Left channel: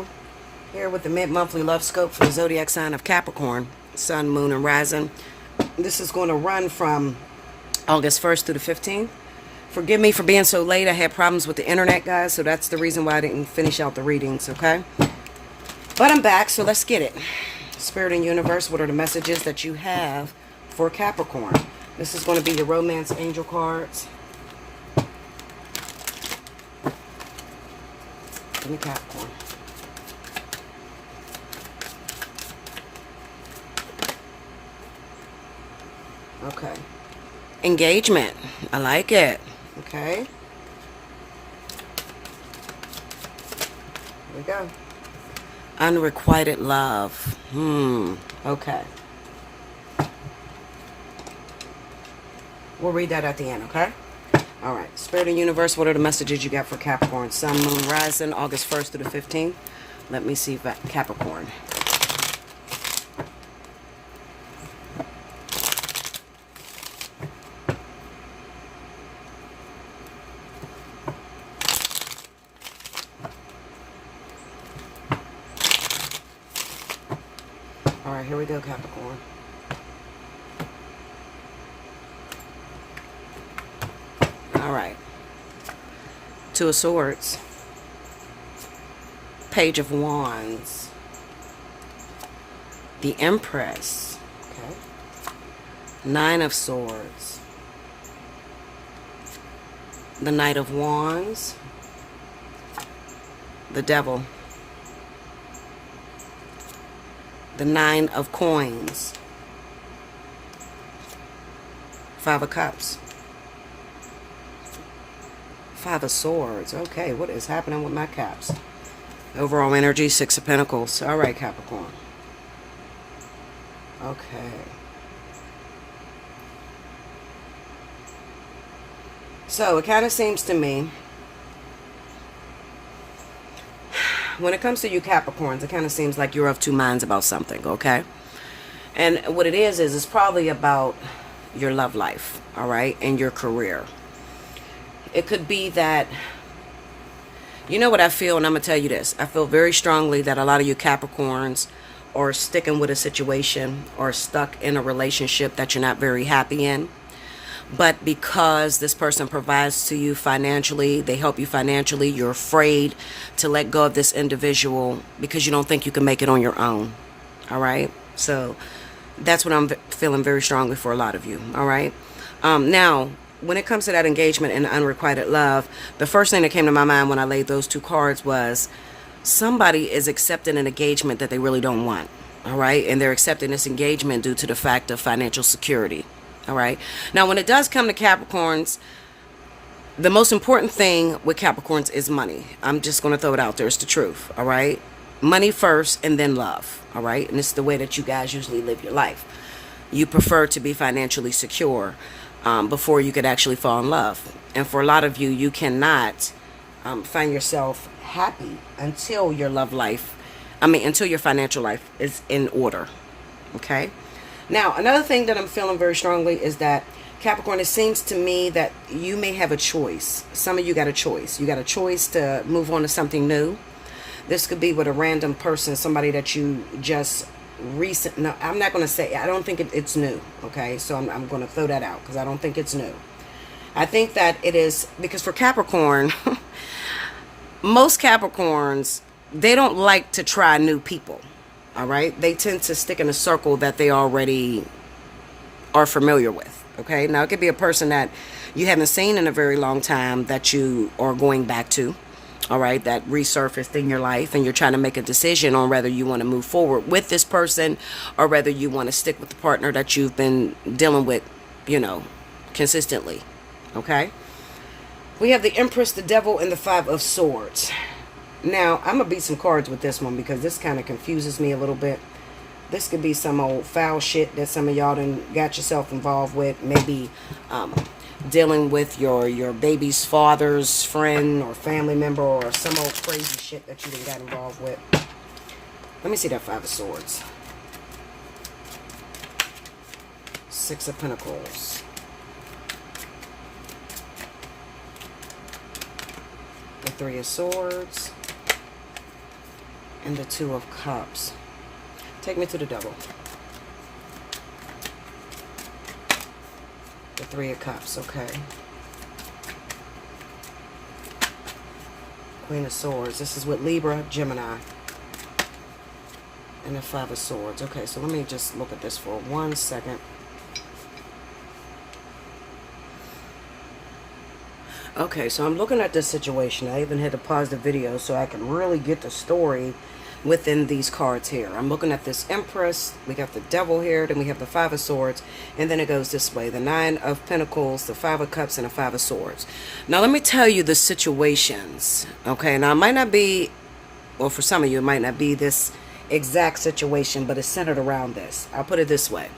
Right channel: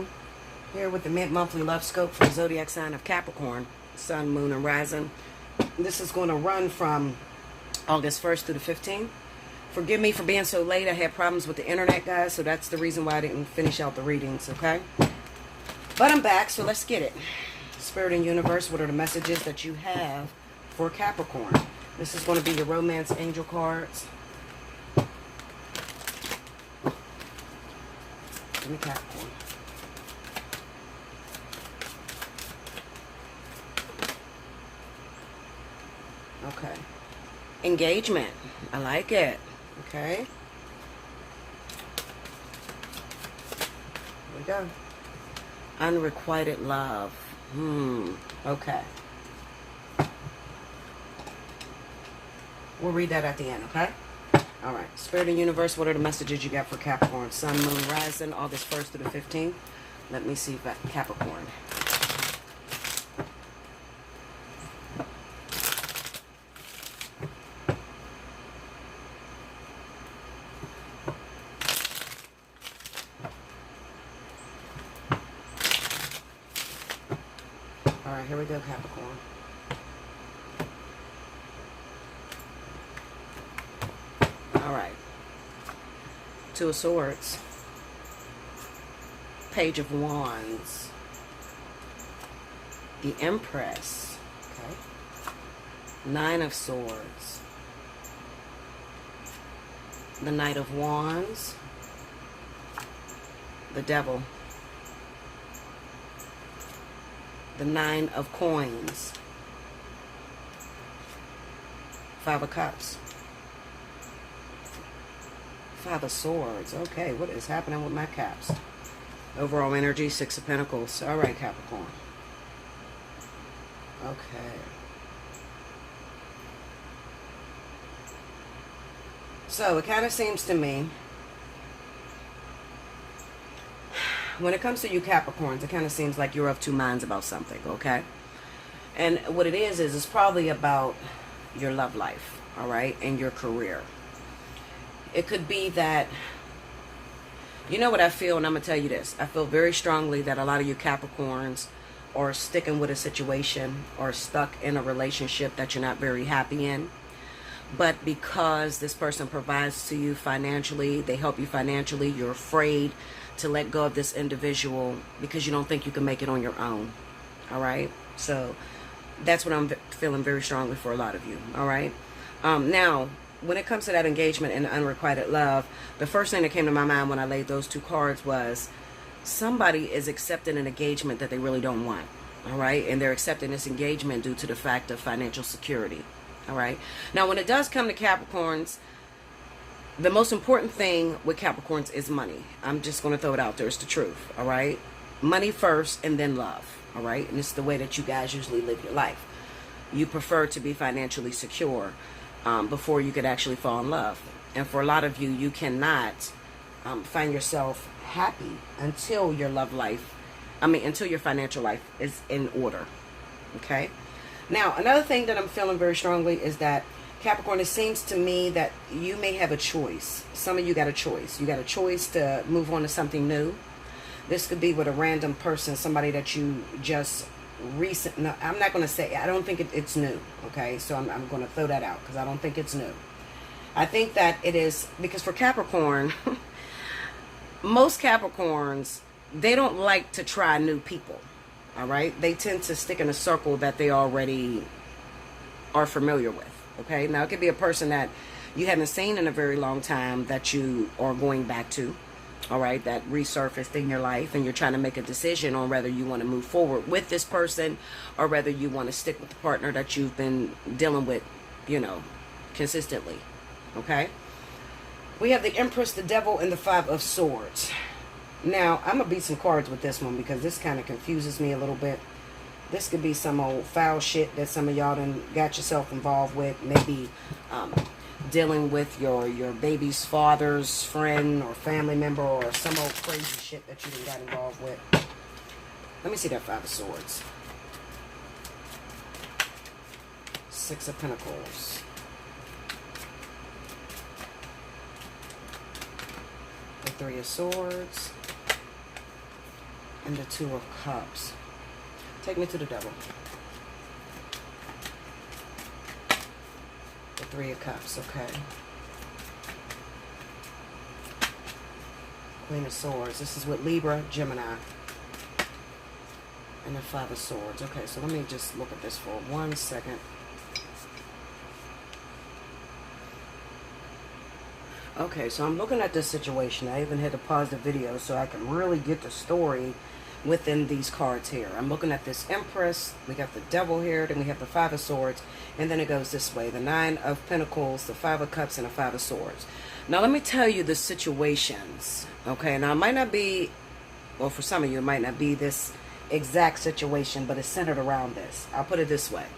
go. Here with the mid-monthly love scope for the zodiac sign of Capricorn, Sun, Moon, and Rising. This is going to run from August 1st through the 15th. Forgive me for being so late. I had problems with the internet, guys, so that's the reason why I didn't finish out the readings, okay? But I'm back, so let's get it. Spirit and universe, what are the messages that you have for Capricorn? This is going to be your romance angel cards. Give me Capricorn. Okay. Engagement. I like it. Okay. Here we go. Unrequited love. Okay. We'll read that at the end, okay? All right. Spirit and universe, what are the messages you got for Capricorn? Sun, Moon, Rising, August 1st through the 15th. Let me see Capricorn. All right, here we go, Capricorn. All right. Two of Swords. Page of Wands. The Empress. Okay. Nine of Swords. The Knight of Wands. The Devil. The Nine of Coins. Five of Cups. Five of Swords. Okay, what is happening with my caps? Overall energy, Six of Pentacles. All right, Capricorn. Okay. So it kind of seems to me, when it comes to you Capricorns, it kind of seems like you're of two minds about something, okay? And what it is it's probably about your love life, all right, and your career. It could be that, you know what I feel, and I'm going to tell you this. I feel very strongly that a lot of you Capricorns are sticking with a situation or stuck in a relationship that you're not very happy in. But because this person provides to you financially, they help you financially, you're afraid to let go of this individual because you don't think you can make it on your own. All right? So that's what I'm feeling very strongly for a lot of you. All right? Now, when it comes to that engagement and unrequited love, the first thing that came to my mind when I laid those two cards was somebody is accepting an engagement that they really don't want. All right? And they're accepting this engagement due to the fact of financial security. All right. Now, when it does come to Capricorns, the most important thing with Capricorns is money. I'm just going to throw it out there. It's the truth. All right. Money first and then love. All right. And it's the way that you guys usually live your life. You prefer to be financially secure before you could actually fall in love. And for a lot of you, you cannot find yourself happy until your love life, until your financial life is in order. Okay. Now, another thing that I'm feeling very strongly is that, Capricorn, it seems to me that you may have a choice. Some of you got a choice. You got a choice to move on to something new. This could be with a random person, somebody that you just no, I'm not going to say, I don't think it's new, okay? So I'm going to throw that out because I don't think it's new. I think that it is, because for Capricorn, most Capricorns, they don't like to try new people. All right, they tend to stick in a circle that they already are familiar with. Okay, now it could be a person that you haven't seen in a very long time that you are going back to. All right, that resurfaced in your life, and you're trying to make a decision on whether you want to move forward with this person or whether you want to stick with the partner that you've been dealing with, consistently. Okay, we have the Empress, the Devil, and the Five of Swords. Now, I'm going to beat some cards with this one because this kind of confuses me a little bit. This could be some old foul shit that some of y'all done got yourself involved with. Maybe dealing with your baby's father's friend or family member or some old crazy shit that you done got involved with. Let me see that Five of Swords. Six of Pentacles. The Three of Swords. and the Two of Cups. Take me to the Devil. The Three of Cups, okay. Queen of Swords. This is with Libra, Gemini. And the Five of Swords. Okay, so let me just look at this for 1 second. Okay, so I'm looking at this situation. I even had to pause the video so I can really get the story within these cards here. I'm looking at this Empress. We got the Devil here. Then we have the Five of Swords. And then it goes this way. The Nine of Pentacles, the Five of Cups, and the Five of Swords. Now, let me tell you the situations. Okay, now it might not be, well, for some of you, it might not be this exact situation, but it's centered around this. I'll put it this way.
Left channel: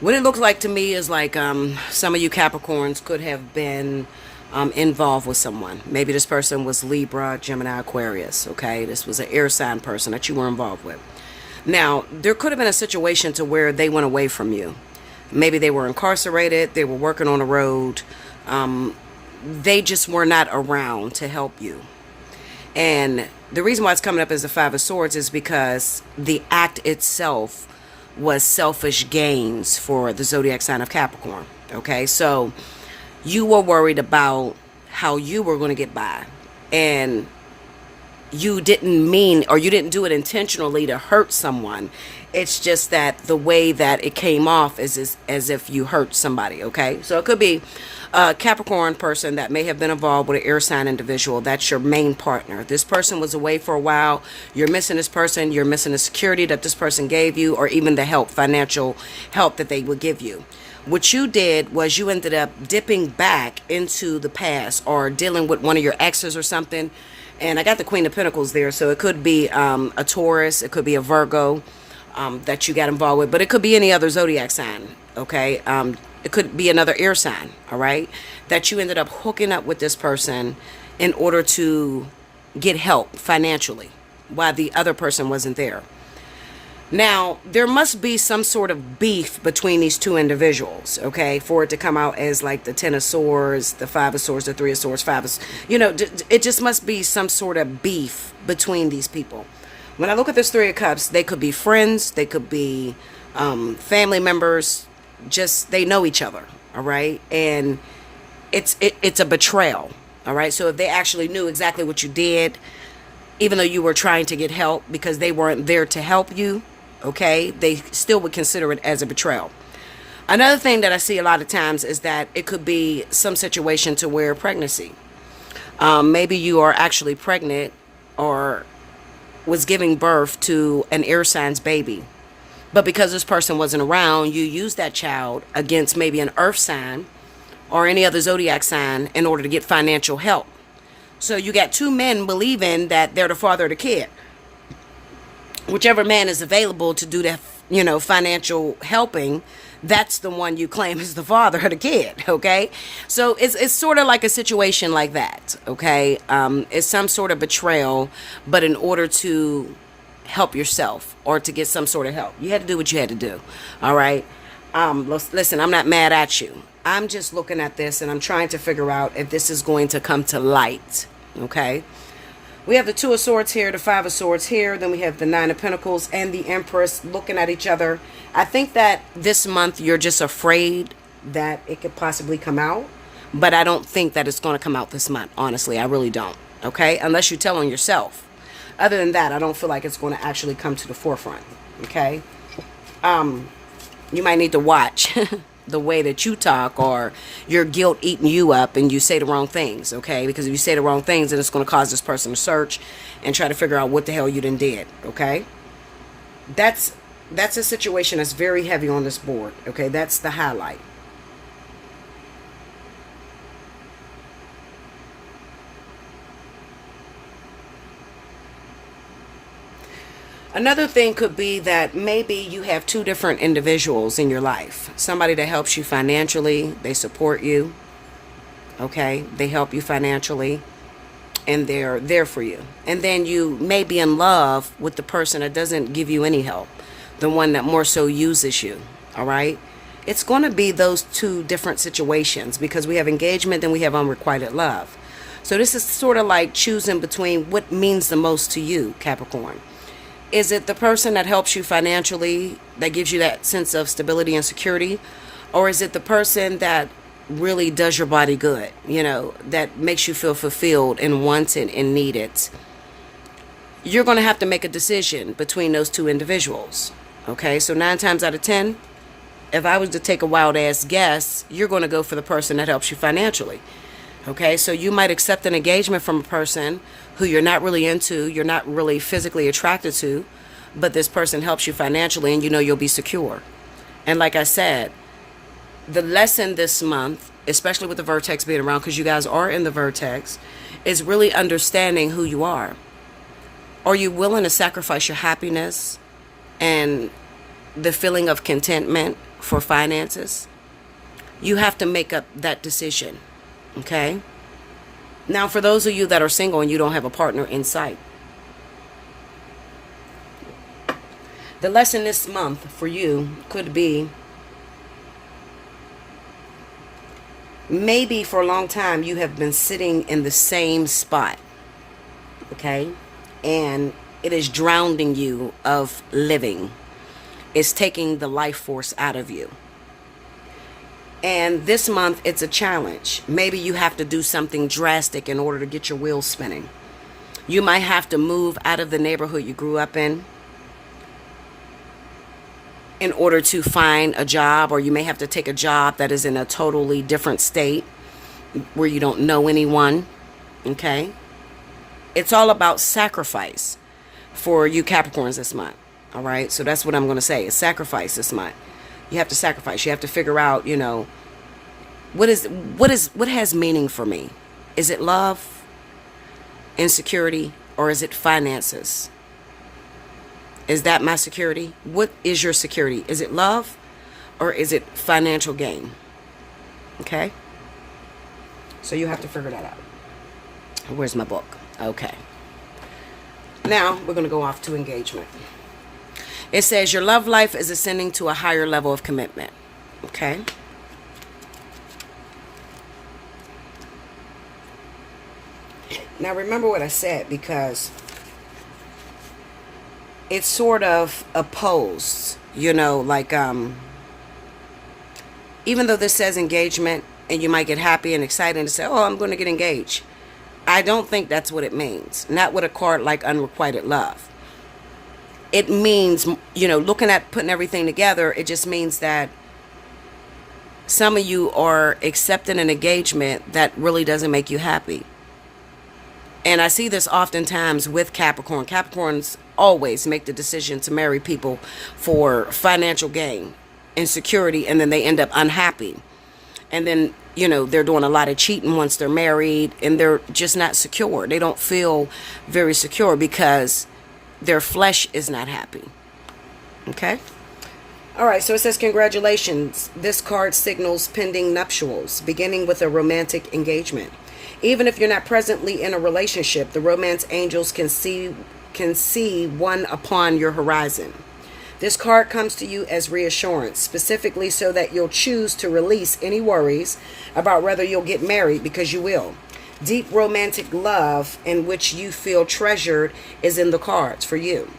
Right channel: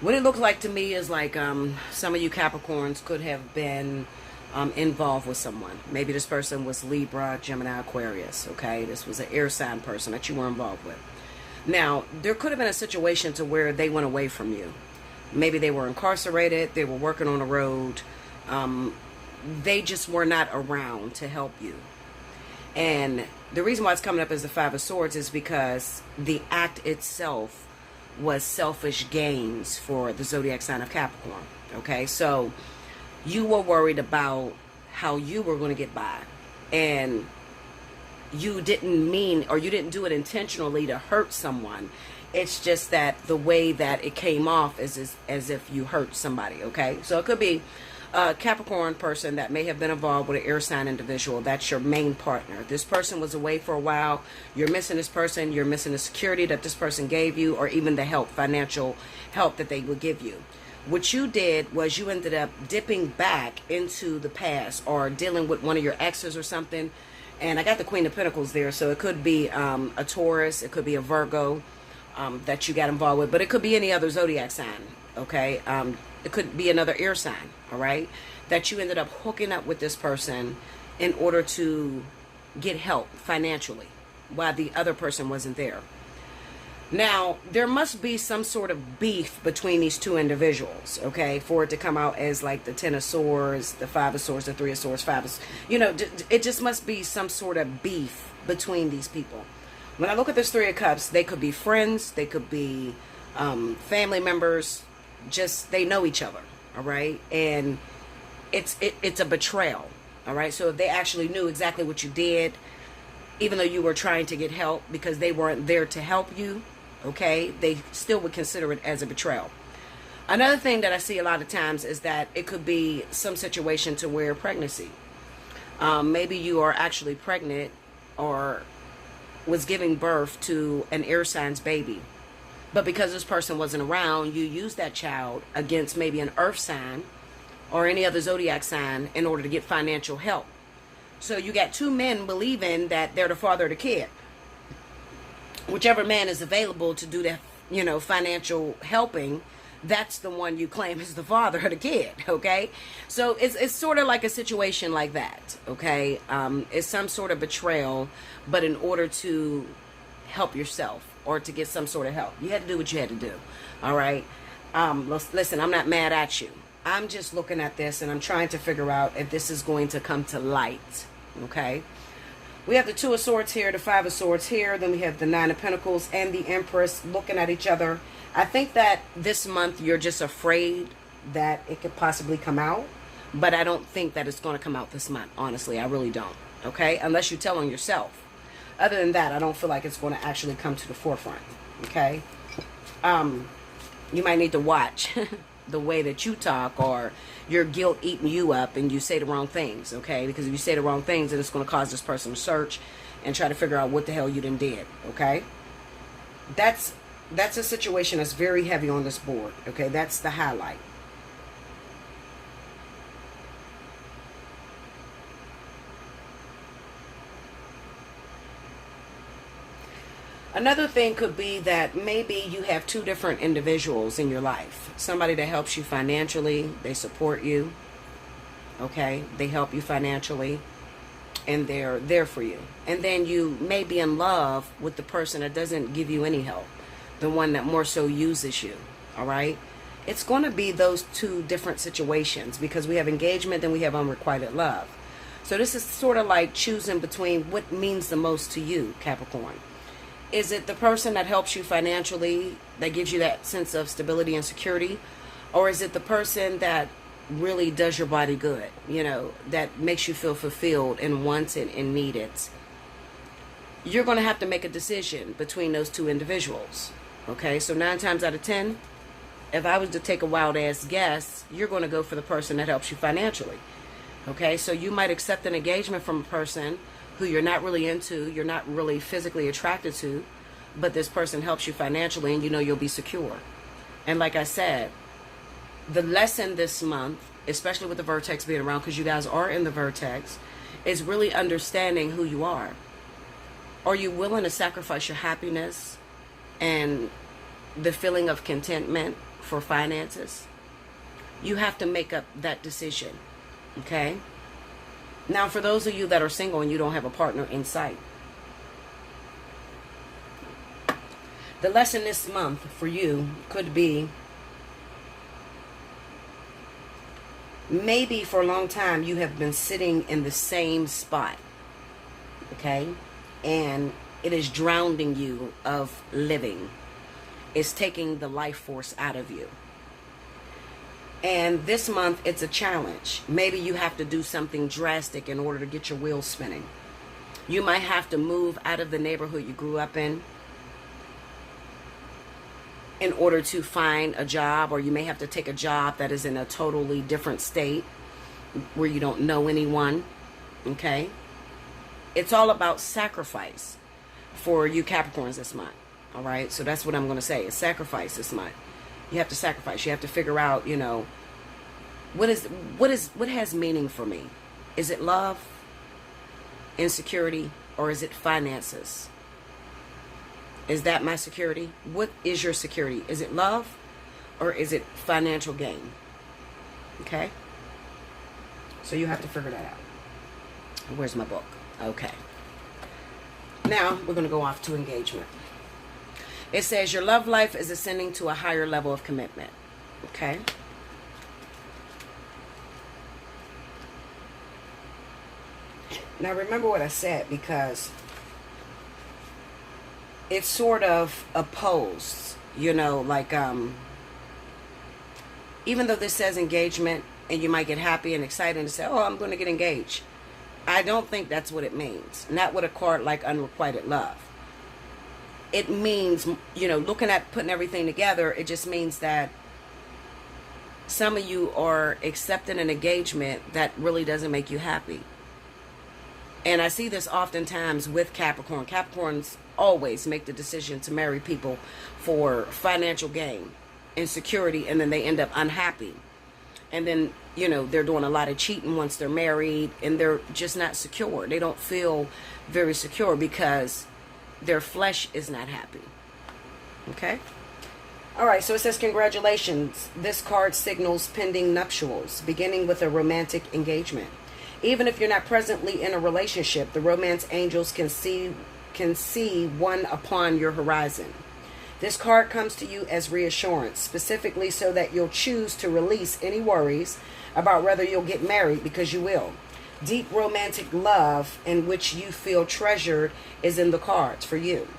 What it looks like to me is like some of you Capricorns could have been involved with someone. Maybe this person was Libra, Gemini, Aquarius, okay? This was an air sign person that you were involved with. Now, there could have been a situation to where they went away from you. Maybe they were incarcerated, they were working on the road. They just were not around to help you. And the reason why it's coming up as the Five of Swords is because the act itself was selfish gains for the zodiac sign of Capricorn. Okay, so you were worried about how you were going to get by, and you didn't mean, or you didn't do it intentionally to hurt someone. It's just that the way that it came off is as if you hurt somebody. Okay, so it could be a Capricorn person that may have been involved with an air sign individual. That's your main partner. This person was away for a while. You're missing this person. You're missing the security that this person gave you, or even the help, financial help that they would give you. What you did was you ended up dipping back into the past, or dealing with one of your exes or something. And I got the Queen of Pentacles there, so it could be a Taurus, it could be a Virgo that you got involved with, but it could be any other zodiac sign. Okay, it could be another air sign, all right, that you ended up hooking up with this person in order to get help financially while the other person wasn't there. Now, there must be some sort of beef between these two individuals, okay, for it to come out as like the Ten of Swords, the Five of Swords, the Three of Swords, Five of, you know, it just must be some sort of beef between these people. When I look at this Three of Cups, they could be friends, they could be family members, just they know each other, all right, and it's a betrayal, all right. So if they actually knew exactly what you did, even though you were trying to get help because they weren't there to help you, okay, they still would consider it as a betrayal. Another thing that I see a lot of times is that it could be some situation to where pregnancy, maybe you are actually pregnant or was giving birth to an air sign's baby. But because this person wasn't around, you used that child against maybe an earth sign or any other zodiac sign in order to get financial help. So you got two men believing that they're the father of the kid. Whichever man is available to do that, you know, financial helping, that's the one you claim is the father of the kid, okay? So it's sort of like a situation like that, okay? It's some sort of betrayal, but in order to help yourself or to get some sort of help, you had to do what you had to do, all right? Listen, I'm not mad at you. I'm just looking at this and I'm trying to figure out if this is going to come to light, okay? We have the Two of Swords here, the Five of Swords here, then we have the Nine of Pentacles and the Empress looking at each other. I think that this month you're just afraid that it could possibly come out, but I don't think that it's going to come out this month, honestly. I really don't, okay? Unless you tell on yourself. Other than that, I don't feel like it's going to actually come to the forefront, okay? You might need to watch the way that you talk, or your guilt eating you up and you say the wrong things, okay? Because if you say the wrong things, then it's going to cause this person to search and try to figure out what the hell you done did, okay? That's a situation that's very heavy on this board, okay? That's the highlight. Another thing could be that maybe you have two different individuals in your life. Somebody that helps you financially, they support you, okay? They help you financially, and they're there for you. And then you may be in love with the person that doesn't give you any help, the one that more so uses you, all right? It's going to be those two different situations, because we have engagement and we have unrequited love. So this is sort of like choosing between what means the most to you, Capricorn. Is it the person that helps you financially, that gives you that sense of stability and security? Or is it the person that really does your body good, that makes you feel fulfilled and wanted and needed? You're going to have to make a decision between those two individuals. Okay, so 9 times out of 10, if I was to take a wild ass guess, you're going to go for the person that helps you financially. Okay, so you might accept an engagement from a person who you're not really into, you're not really physically attracted to, but this person helps you financially and you'll be secure. And like I said, the lesson this month, especially with the vertex being around, because you guys are in the vertex, is really understanding who you are. Are you willing to sacrifice your happiness and the feeling of contentment for finances? You have to make up that decision. Okay? Now, for those of you that are single and you don't have a partner in sight, the lesson this month for you could be, maybe for a long time you have been sitting in the same spot. Okay? And it is drowning you of living. It's taking the life force out of you. And this month, it's a challenge. Maybe you have to do something drastic in order to get your wheels spinning. You might have to move out of the neighborhood you grew up in order to find a job, or you may have to take a job that is in a totally different state where you don't know anyone. Okay? It's all about sacrifice for you Capricorns this month. All right? So that's what I'm going to say. It's sacrifice this month. You have to sacrifice. You have to figure out, what has meaning for me? Is it love, insecurity, or is it finances? Is that my security? What is your security? Is it love, or is it financial gain? Okay? So you have to figure that out. Where's my book? Okay. Now we're going to go off to engagement. It says your love life is ascending to a higher level of commitment. Okay? Now remember what I said, because it's sort of opposed, even though this says engagement and you might get happy and excited and say, oh, I'm going to get engaged. I don't think that's what it means. Not with a card like Unrequited Love. It means, looking at putting everything together, it just means that some of you are accepting an engagement that really doesn't make you happy. And I see this oftentimes with Capricorn. Capricorns always make the decision to marry people for financial gain and security, and then they end up unhappy. And then, they're doing a lot of cheating once they're married, and they're just not secure. They don't feel very secure because their flesh is not happy. Okay? All right, so it says, congratulations. This card signals pending nuptials, beginning with a romantic engagement. Even if you're not presently in a relationship, the romance angels can see one upon your horizon. This card comes to you as reassurance, specifically so that you'll choose to release any worries about whether you'll get married, because you will. Deep romantic love in which you feel treasured is in the cards for you.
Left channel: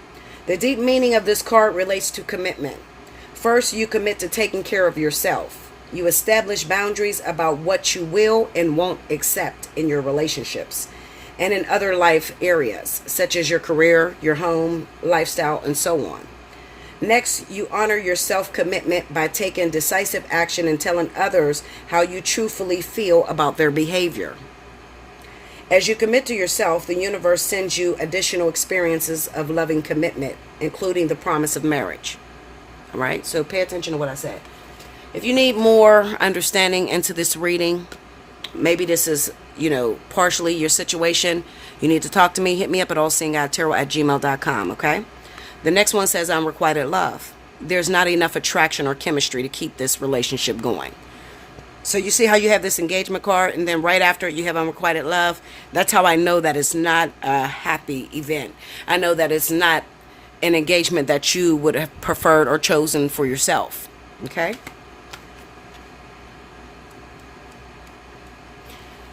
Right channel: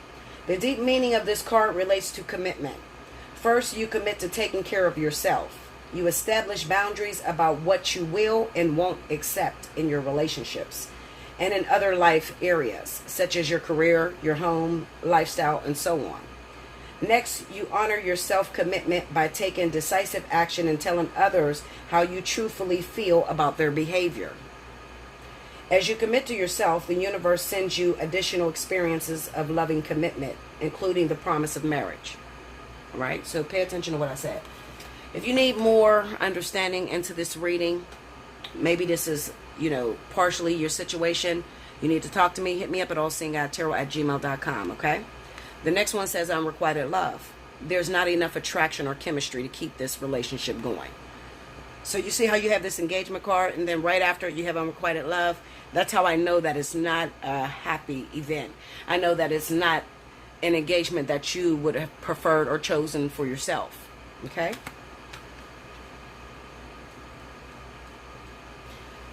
The deep meaning of this card relates to commitment. First, you commit to taking care of yourself. You establish boundaries about what you will and won't accept in your relationships and in other life areas, such as your career, your home, lifestyle, and so on. Next, you honor your self-commitment by taking decisive action and telling others how you truthfully feel about their behavior. As you commit to yourself, the universe sends you additional experiences of loving commitment, including the promise of marriage. All right? So pay attention to what I said. If you need more understanding into this reading, maybe this is, partially your situation, you need to talk to me, hit me up at allseeingeyetarot@gmail.com, okay? The next one says Unrequited Love. There's not enough attraction or chemistry to keep this relationship going. So you see how you have this engagement card, and then right after it you have Unrequited Love? That's how I know that it's not a happy event. I know that it's not an engagement that you would have preferred or chosen for yourself, okay?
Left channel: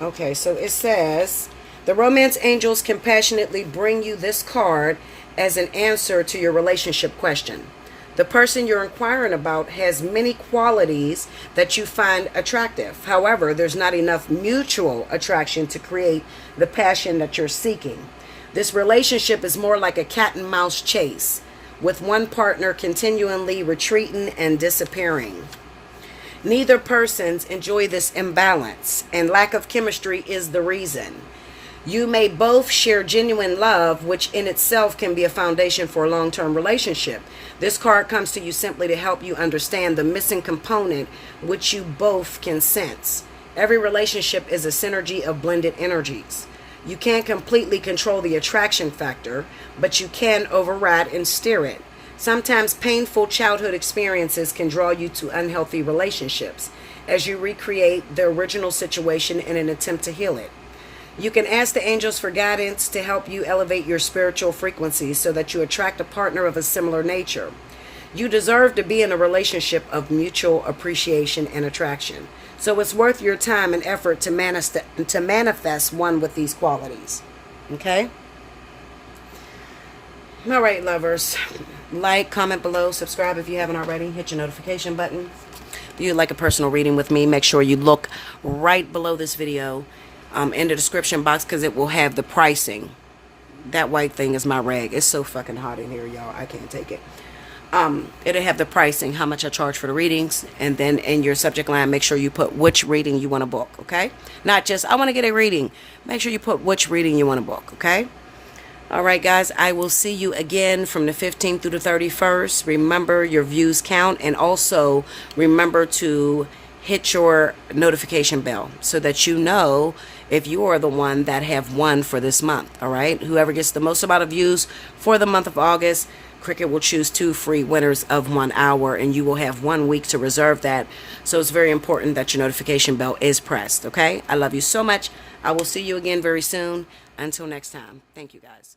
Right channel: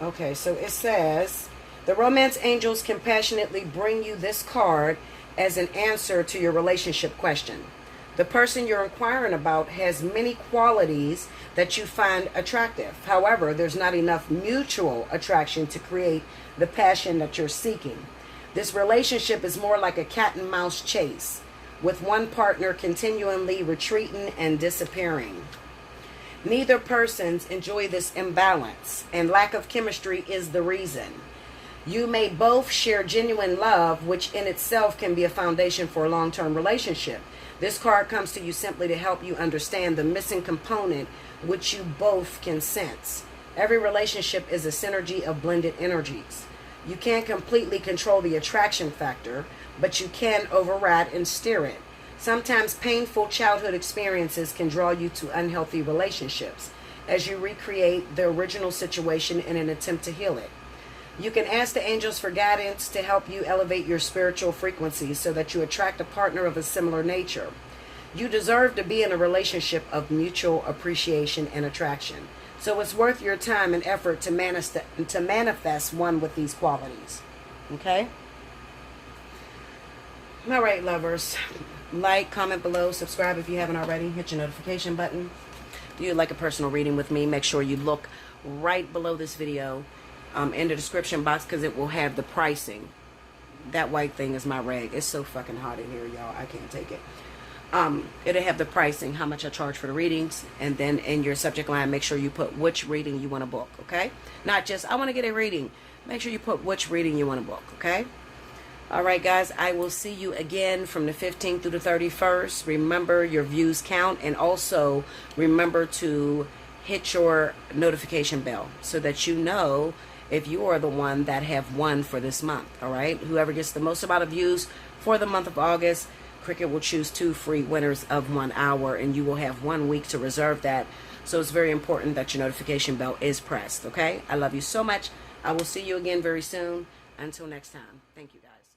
Okay, so it says, the romance angels compassionately bring you this card as an answer to your relationship question. The person you're inquiring about has many qualities that you find attractive. However, there's not enough mutual attraction to create the passion that you're seeking. This relationship is more like a cat and mouse chase, with one partner continually retreating and disappearing. Neither persons enjoy this imbalance, and lack of chemistry is the reason. You may both share genuine love, which in itself can be a foundation for a long-term relationship. This card comes to you simply to help you understand the missing component which you both can sense. Every relationship is a synergy of blended energies. You can't completely control the attraction factor, but you can override and steer it. Sometimes painful childhood experiences can draw you to unhealthy relationships as you recreate the original situation in an attempt to heal it. You can ask the angels for guidance to help you elevate your spiritual frequency so that you attract a partner of a similar nature. You deserve to be in a relationship of mutual appreciation and attraction. So it's worth your time and effort to manifest one with these qualities. Okay? All right, lovers. Like, comment below, subscribe if you haven't already. Hit your notification button. If you'd like a personal reading with me, make sure you look right below this video in the description box, because it will have the pricing. That white thing is my rag. It's so fucking hot in here, y'all. I can't take it. It'll have the pricing, how much I charge for the readings, and then in your subject line, make sure you put which reading you want to book, okay? Not just, I want to get a reading. Make sure you put which reading you want to book, okay? All right, guys, I will see you again from the 15th through the 31st. Remember, your views count, and also remember to hit your notification bell so that you know if you are the one that have won for this month. All right, whoever gets the most amount of views for the month of August, Cricket will choose 2 free winners of 1 hour, and you will have 1 week to reserve that. So it's very important that your notification bell is pressed. Okay, I love you so much. I will see you again very soon. Until next time, thank you, guys.